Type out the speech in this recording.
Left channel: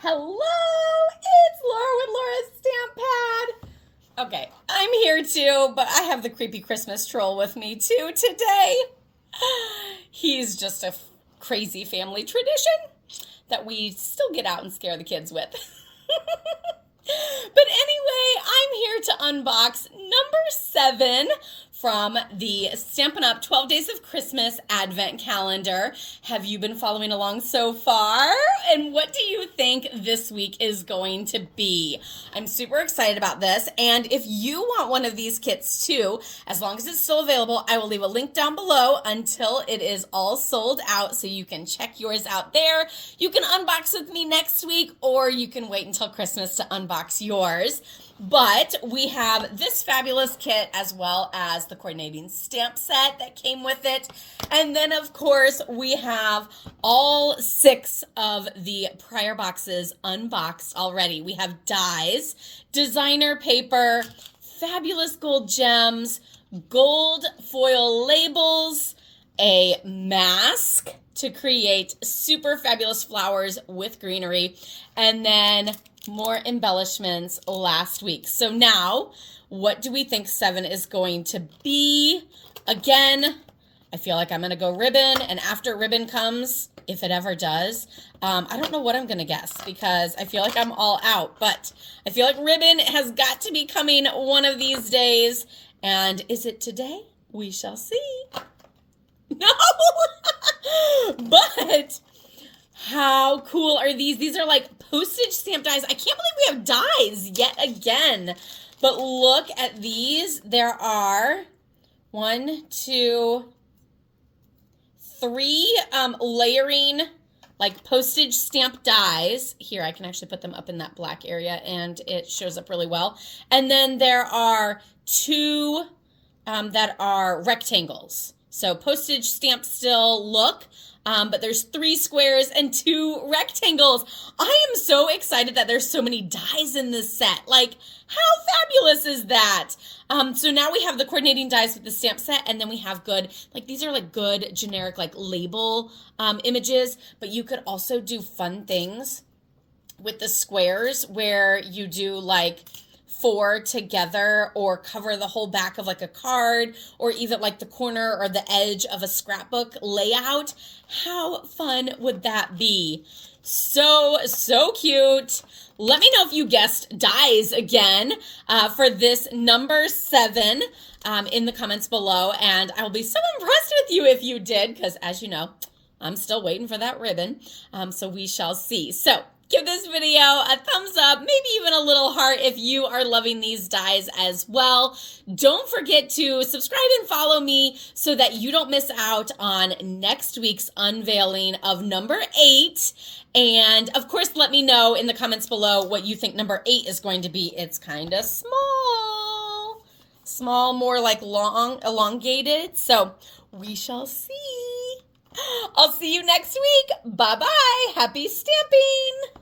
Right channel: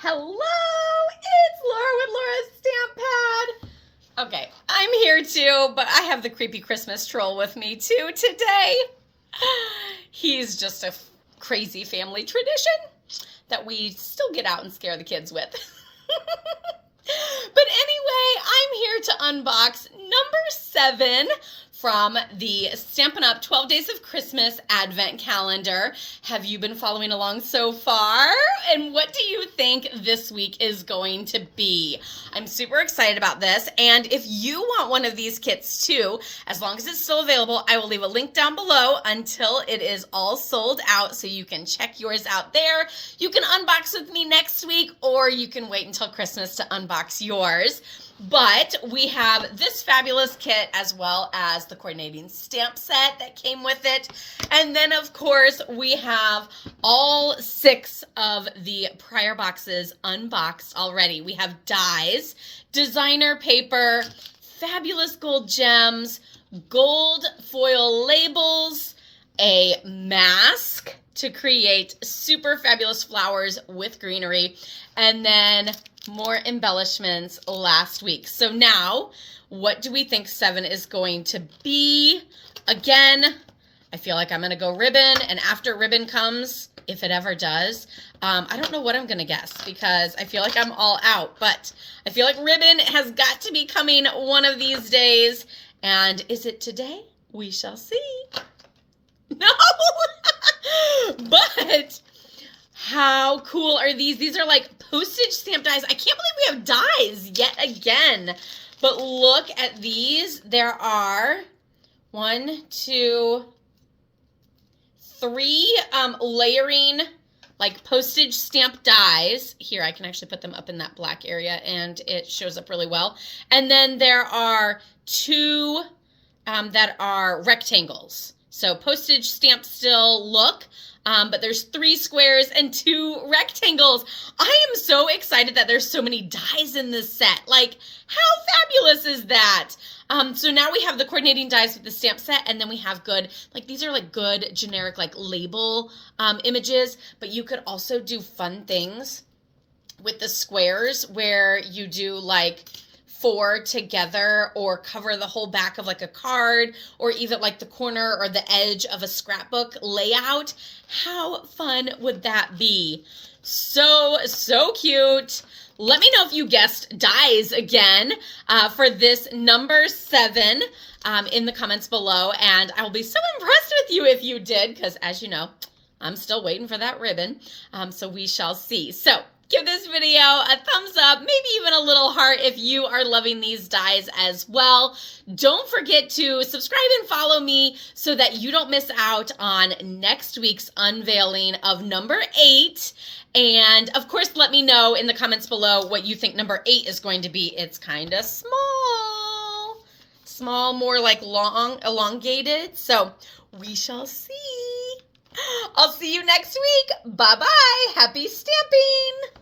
Hello, it's Laura with LaurasStampPad. Okay, I'm here too, but I have the creepy Christmas troll with me too today. He's just a crazy family tradition that we still get out and scare the kids with. But anyway, I'm here to unbox number 7 from the Stampin' Up! 12 Days of Christmas Advent Calendar. Have you been following along so far? And what do you think this week is going to be? I'm super excited about this. And if you want one of these kits too, as long as it's still available, I will leave a link down below until it is all sold out so you can check yours out there. You can unbox with me next week, or you can wait until Christmas to unbox yours. But we have this fabulous kit as well as the coordinating stamp set that came with it. And then, of course, we have all 6 of the prior boxes unboxed already. We have dies, designer paper, fabulous gold gems, gold foil labels, a mask to create super fabulous flowers with greenery, and then more embellishments last week. So now, what do we think 7 is going to be? Again, I feel like I'm going to go ribbon, and after ribbon comes, if it ever does, I don't know what I'm going to guess because I feel like I'm all out, but I feel like ribbon has got to be coming one of these days. And is it today? We shall see. No! But how cool are these? These are like postage stamp dies. I can't believe we have dies yet again. But look at these. There are 1, 2, 3 layering like postage stamp dies. Here, I can actually put them up in that black area and it shows up really well. And then there are 2 that are rectangles. So postage stamp still look. But there's 3 squares and 2 rectangles. I am so excited that there's so many dies in this set. Like, how fabulous is that? So now we have the coordinating dies with the stamp set, and then we have good, like these are like good generic like label images, but you could also do fun things with the squares where you do like 4 together or cover the whole back of like a card or even like the corner or the edge of a scrapbook layout. How fun would that be? So cute. Let me know if you guessed dies again for this number 7 in the comments below. And I will be so impressed with you if you did, because as you know, I'm still waiting for that ribbon. So we shall see. So give this video a thumbs up, maybe even a little heart if you are loving these dies as well. Don't forget to subscribe and follow me so that you don't miss out on next week's unveiling of number 8. And of course, let me know in the comments below what you think number 8 is going to be. It's kind of small, more like long, elongated. So we shall see. I'll see you next week. Bye-bye. Happy stamping.